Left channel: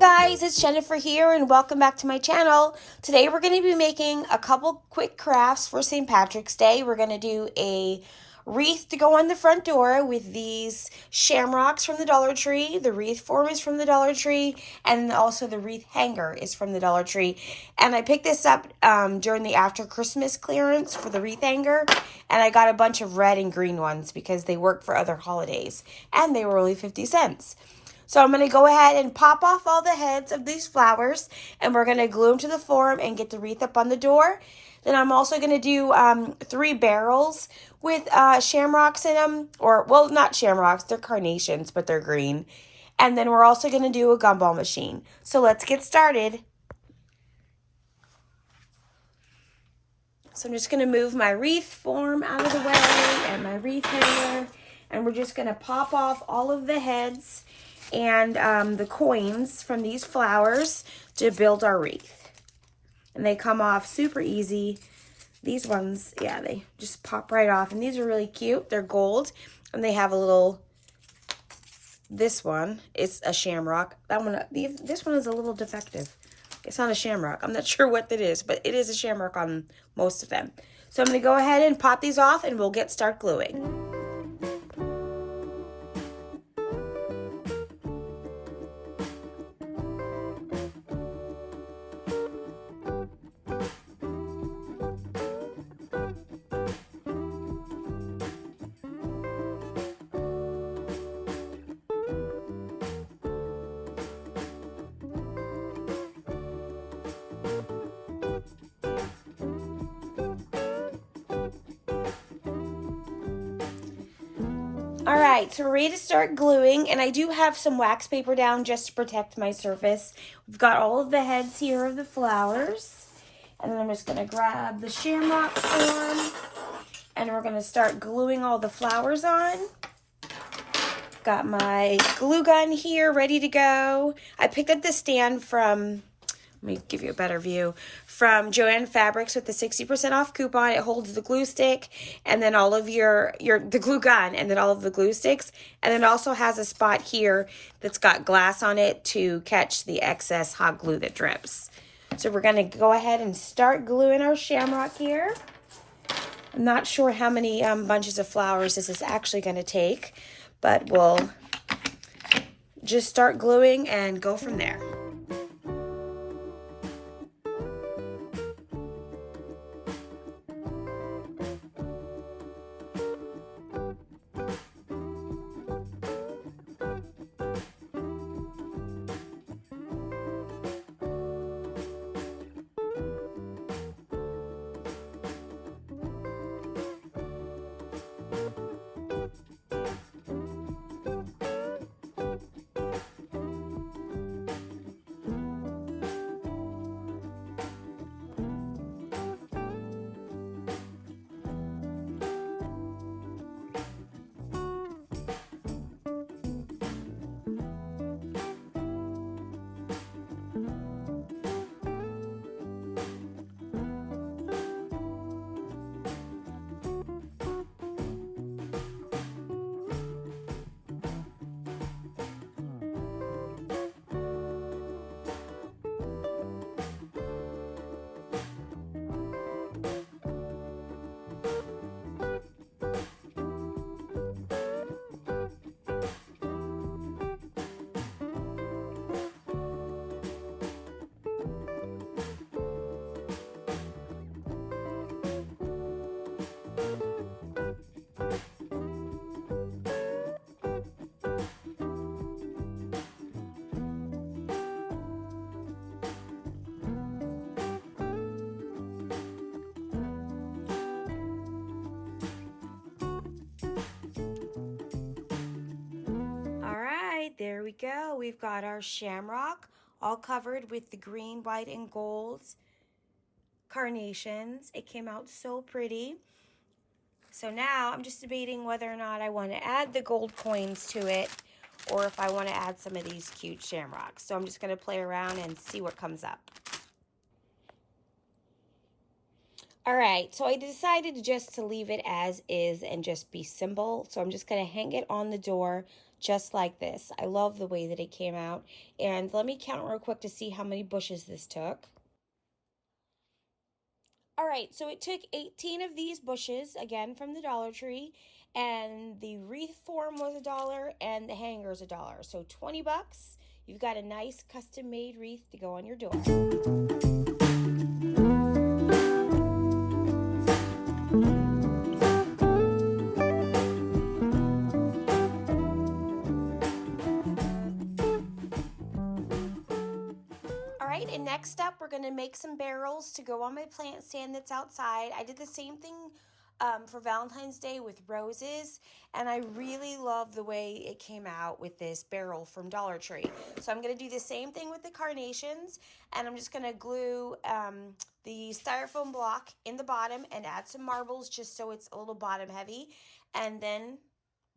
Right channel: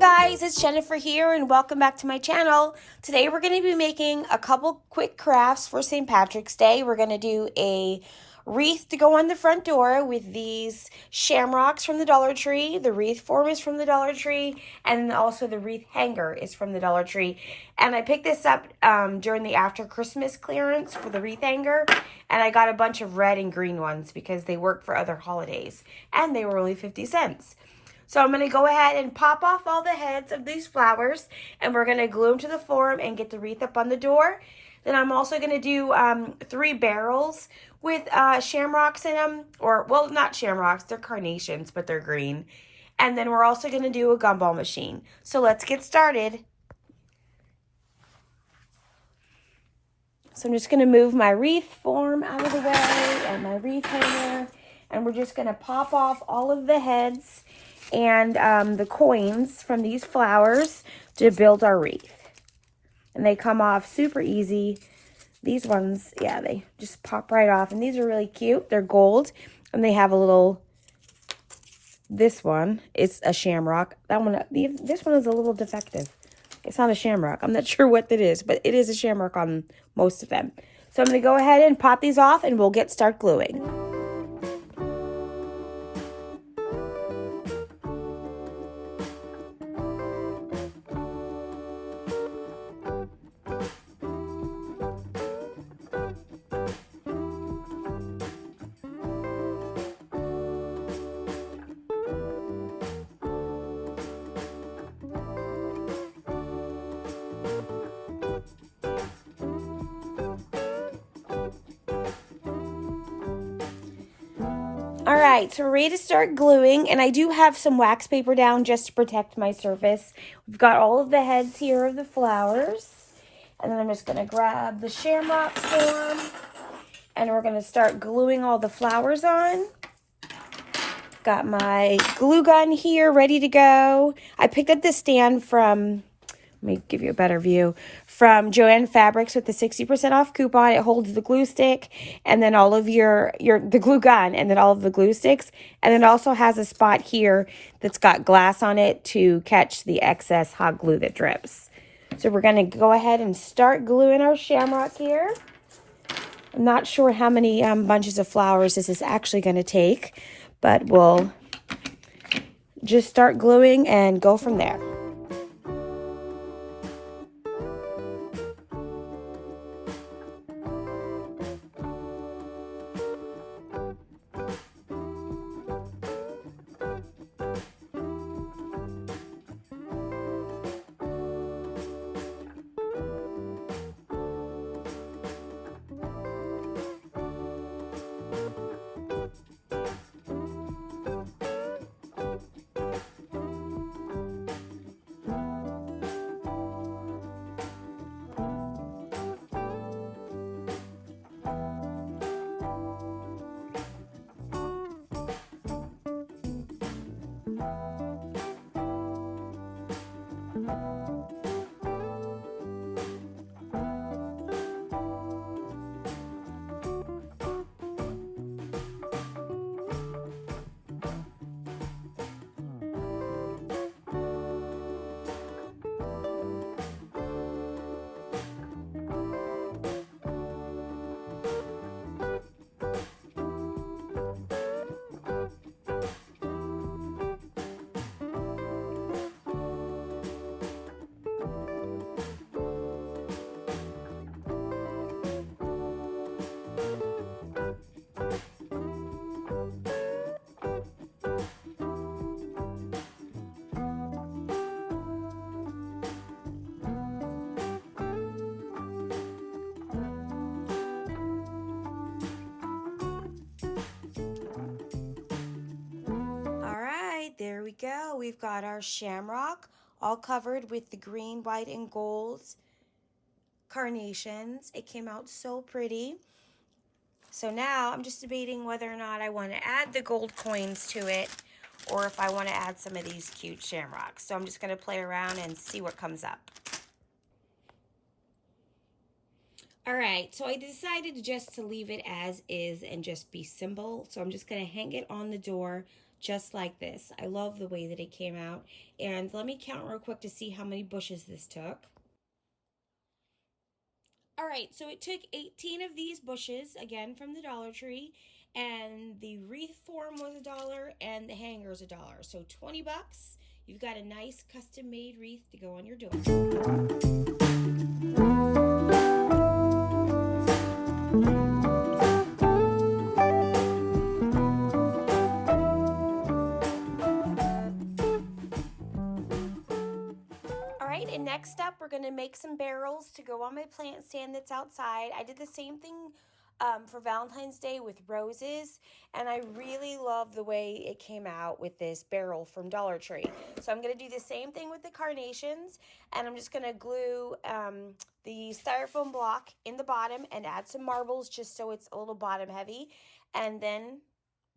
Guys, it's Jennifer here and welcome back to my channel. Today we're going to be making a couple quick crafts for St. Patrick's Day. We're going to do a wreath to go on the front door with these shamrocks from the Dollar Tree. The wreath form is from the Dollar Tree, and also the wreath hanger is from the Dollar Tree. And I picked this up during the after Christmas clearance for the wreath hanger, and I got a bunch of red and green ones because they work for other holidays, and they were only 50 cents. So I'm going to go ahead and pop off all the heads of these flowers, and we're going to glue them to the form and get the wreath up on the door. Then I'm also going to do 3 barrels with shamrocks in them, or, well, not shamrocks, they're carnations, but they're green. And then we're also going to do a gumball machine. So let's get started. So I'm just going to move my wreath form out of the way and my wreath hanger, and we're just going to pop off all of the heads and the coins from these flowers to build our wreath. And they come off super easy. These ones, yeah, they just pop right off. And these are really cute. They're gold. And they have a little, this one is a shamrock. That one, this one is a little defective. It's not a shamrock. I'm not sure what that is, but it is a shamrock on most of them. So I'm going to go ahead and pop these off and we'll start gluing. Alright, so we're ready to start gluing, and I do have some wax paper down just to protect my surface. We've got all of the heads here of the flowers, and then I'm just going to grab the shamrock form, and we're going to start gluing all the flowers on. Got my glue gun here ready to go. I picked up this stand from, let me give you a better view, from JenniferB with the 60% off coupon. It holds the glue stick and then all of the glue gun and then all of the glue sticks. And it also has a spot here that's got glass on it to catch the excess hot glue that drips. So we're going to go ahead and start gluing our shamrock here. I'm not sure how many bunches of flowers this is actually going to take, but we'll just start gluing and go from there. There we go. We've got our shamrock all covered with the green, white, and gold carnations. It came out so pretty. So now I'm just debating whether or not I want to add the gold coins to it or if I want to add some of these cute shamrocks. So I'm just going to play around and see what comes up. All right, so I decided just to leave it as is and just be simple. So I'm just going to hang it on the door just like this. I love the way that it came out. And let me count real quick to see how many bushes this took. All right, so it took 18 of these bushes, again from the Dollar Tree, and the wreath form was $1 and the hanger is $1. So 20 bucks. You've got a nice custom-made wreath to go on your door. And next up, we're going to make some barrels to go on my plant stand that's outside. I did the same thing for Valentine's Day with roses, and I really love the way it came out with this barrel from Dollar Tree. So I'm going to do the same thing with the carnations, and I'm just going to glue the styrofoam block in the bottom and add some marbles just so it's a little bottom heavy, and then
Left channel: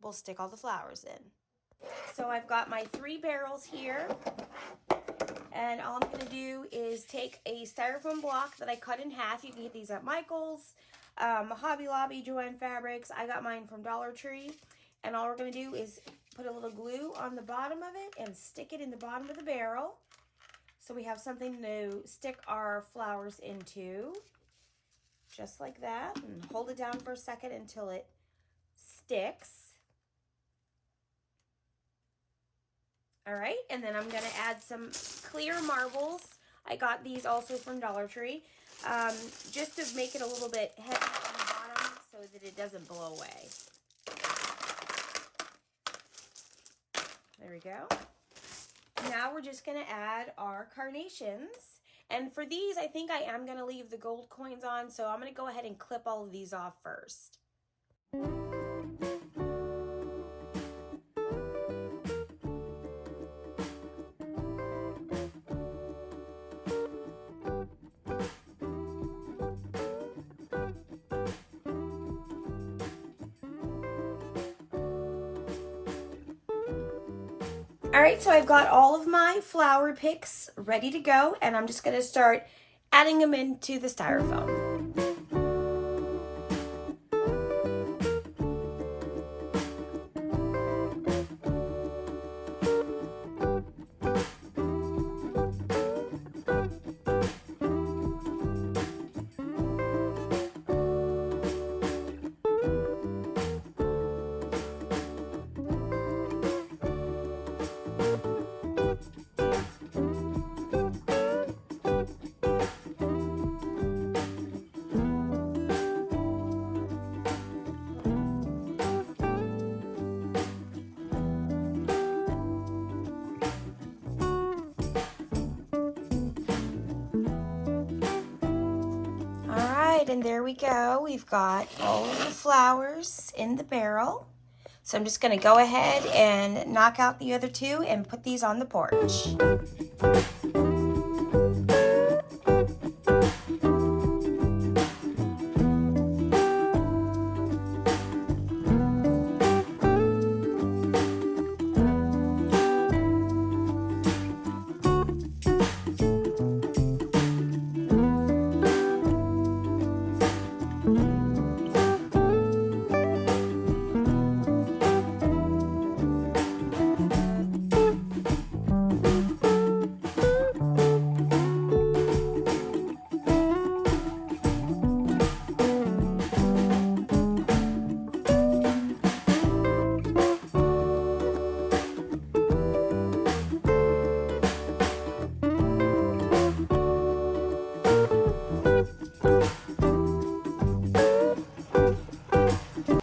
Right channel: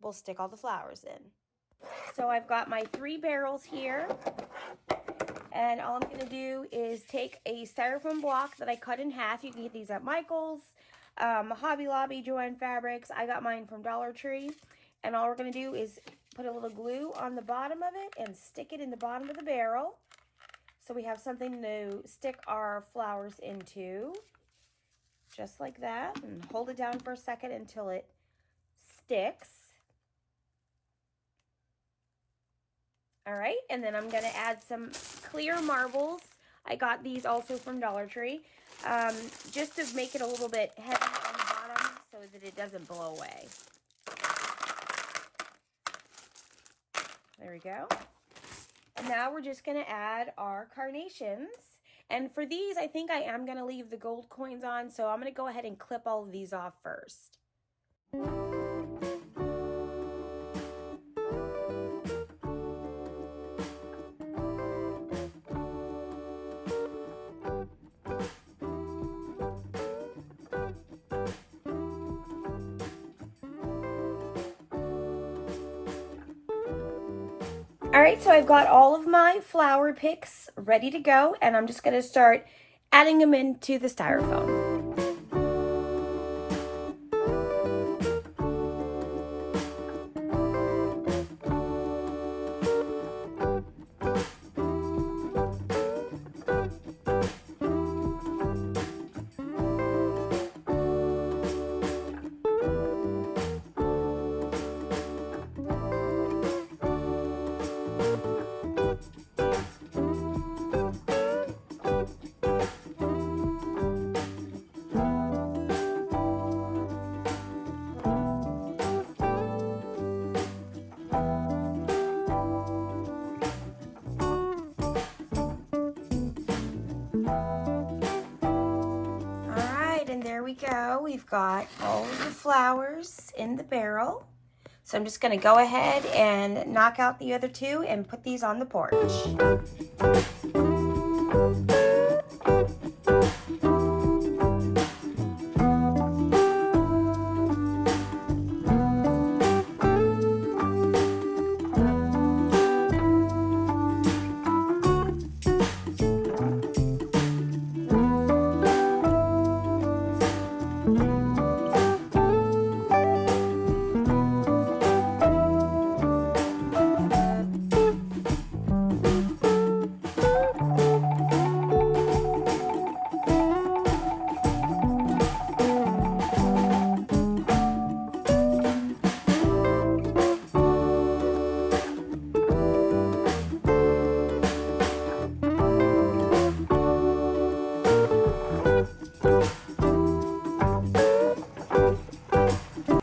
we'll stick all the flowers in. So I've got my 3 barrels here. And all I'm going to do is take a styrofoam block that I cut in half. You can get these at Michael's, Hobby Lobby, Joann Fabrics. I got mine from Dollar Tree. And all we're going to do is put a little glue on the bottom of it and stick it in the bottom of the barrel. So we have something to stick our flowers into. Just like that. And hold it down for a second until it sticks. All right, and then I'm gonna add some clear marbles. I got these also from Dollar Tree, just to make it a little bit heavy on the bottom so that it doesn't blow away. There we go. Now we're just gonna add our carnations. And for these, I think I am gonna leave the gold coins on, so I'm gonna go ahead and clip all of these off first. All right, so I've got all of my flower picks ready to go, and I'm just going to start adding them into the styrofoam. And there we go. We've got all of the flowers in the barrel. So I'm just going to go ahead and knock out the other 2 and put these on the porch.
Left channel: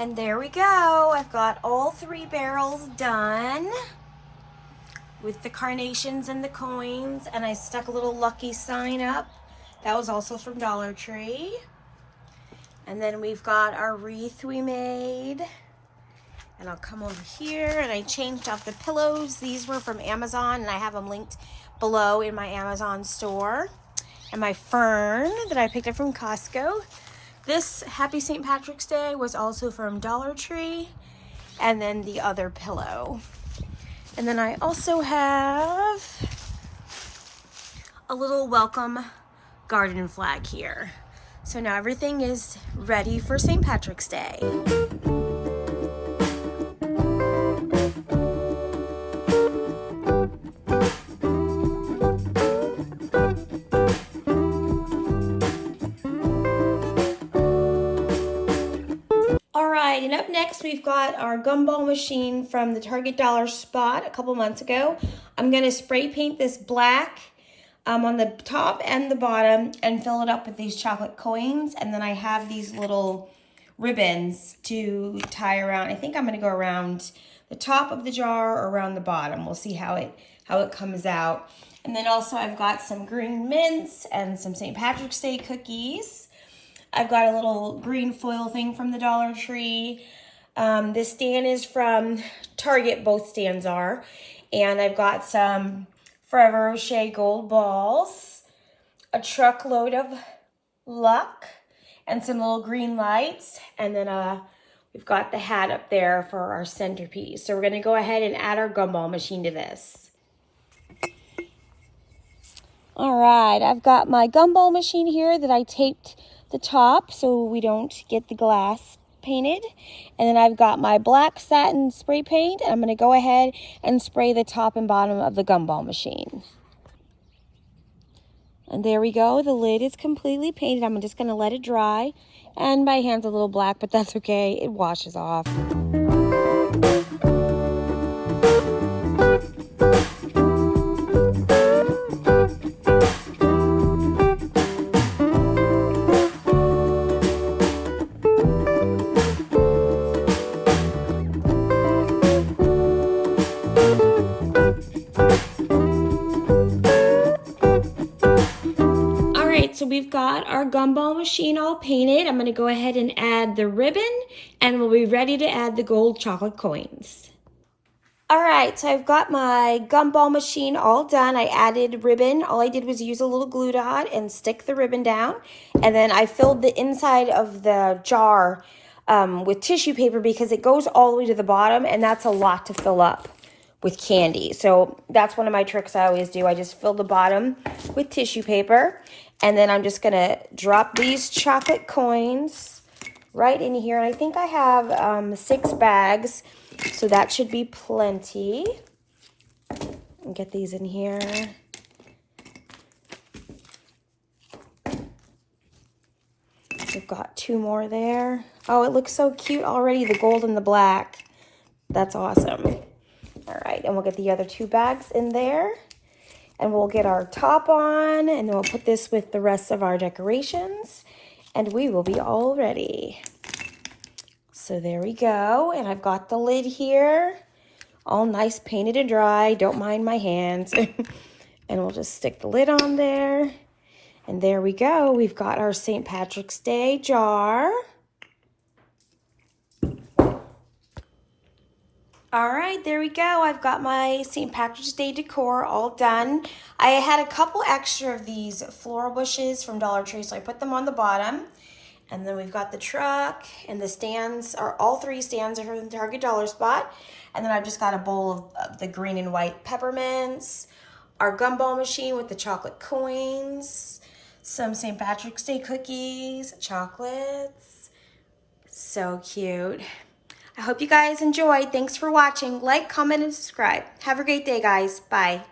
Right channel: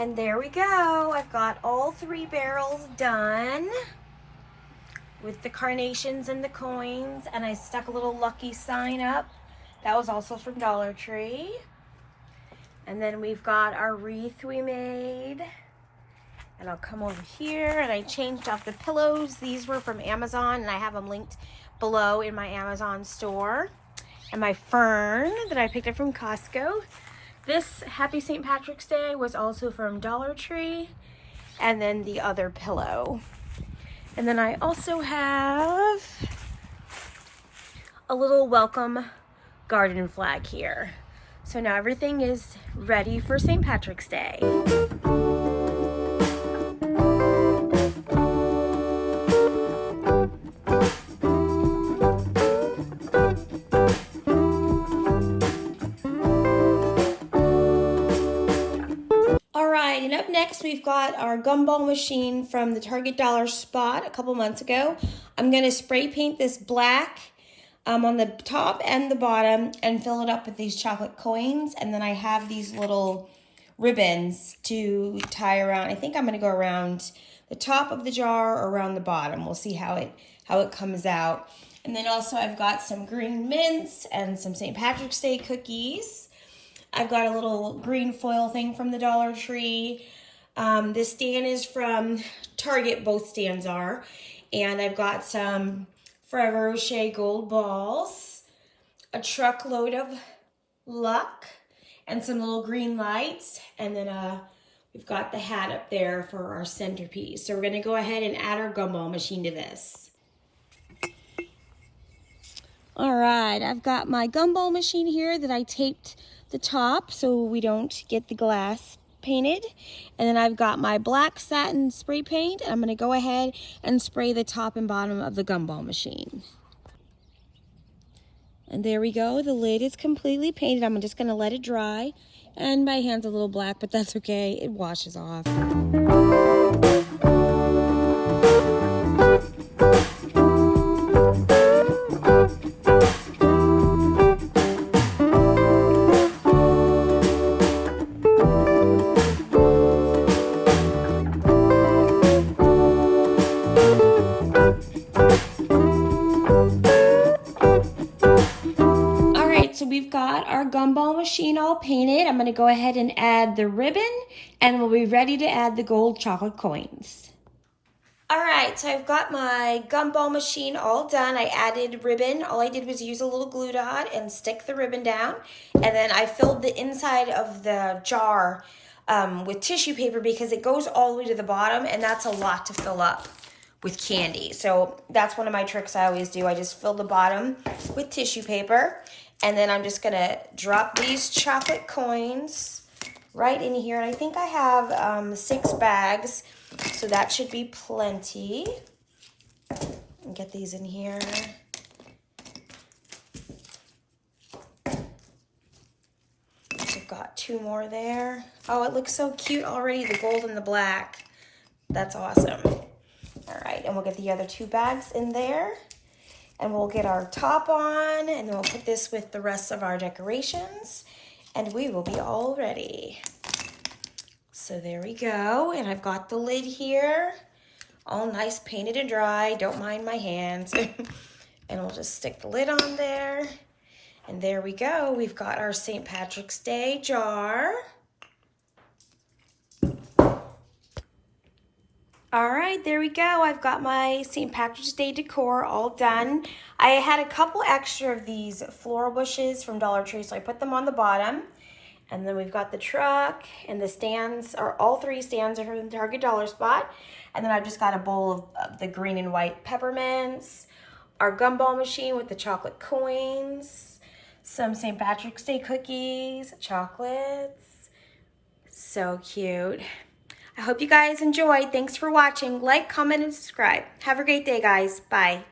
And there we go. I've got all 3 barrels done with the carnations and the coins, and I stuck a little lucky sign up. That was also from Dollar Tree. And then we've got our wreath we made. And I'll come over here, and I changed out the pillows. These were from Amazon, and I have them linked below in my Amazon store. And my fern that I picked up from Costco. This Happy St. Patrick's Day was also from Dollar Tree. And then the other pillow. And then I also have a little welcome garden flag here. So now everything is ready for St. Patrick's Day. Alright, and up next we've got our gumball machine from the Target Dollar Spot a couple months ago. I'm going to spray paint this black on the top and the bottom and fill it up with these chocolate coins, and then I have these little ribbons to tie around. I think I'm going to go around the top of the jar or around the bottom. We'll see how it comes out. And then also I've got some green mints and some St. Patrick's Day cookies. I've got a little green foil thing from the Dollar Tree. This stand is from Target, both stands are. And I've got some Forever Rocher gold balls, a truckload of luck, and some little green lights. And then we've got the hat up there for our centerpiece. So we're going to go ahead and add our gumball machine to this. All right, I've got my gumball machine here that I taped the top so we don't get the glass painted. And then I've got my black satin spray paint. I'm going to go ahead and spray the top and bottom of the gumball machine. And there we go. The lid is completely painted. I'm just going to let it dry. And my hand's a little black, but that's okay. It washes off. So we've got our gumball machine all painted. I'm going to go ahead and add the ribbon, and we'll be ready to add the gold chocolate coins. All right, so I've got my gumball machine all done. I added ribbon. All I did was use a little glue dot and stick the ribbon down, and then I filled the inside of the jar with tissue paper because it goes all the way to the bottom, and that's a lot to fill up with candy. So that's one of my tricks I always do. I just fill the bottom with tissue paper. And then I'm just gonna drop these chocolate coins right in here. And I think I have 6 bags, so that should be plenty. And get these in here. I've got 2 more there. Oh, it looks so cute already, the gold and the black. That's awesome. All right, and we'll get the other 2 bags in there. And we'll get our top on, and then we'll put this with the rest of our decorations, and we will be all ready. So there we go, and I've got the lid here, all nice painted and dry. Don't mind my hands. And we'll just stick the lid on there, and there we go. We've got our St. Patrick's Day jar. All right, there we go. I've got my St. Patrick's Day decor all done. I had a couple extra of these floral bushes from Dollar Tree, so I put them on the bottom. And then we've got the truck, and the stands, are all 3 stands are from the Target Dollar Spot. And then I've just got a bowl of the green and white peppermints, our gumball machine with the chocolate coins, some St. Patrick's Day cookies, chocolates. So cute. I hope you guys enjoyed. Thanks for watching. Like, comment, and subscribe. Have a great day, guys. Bye.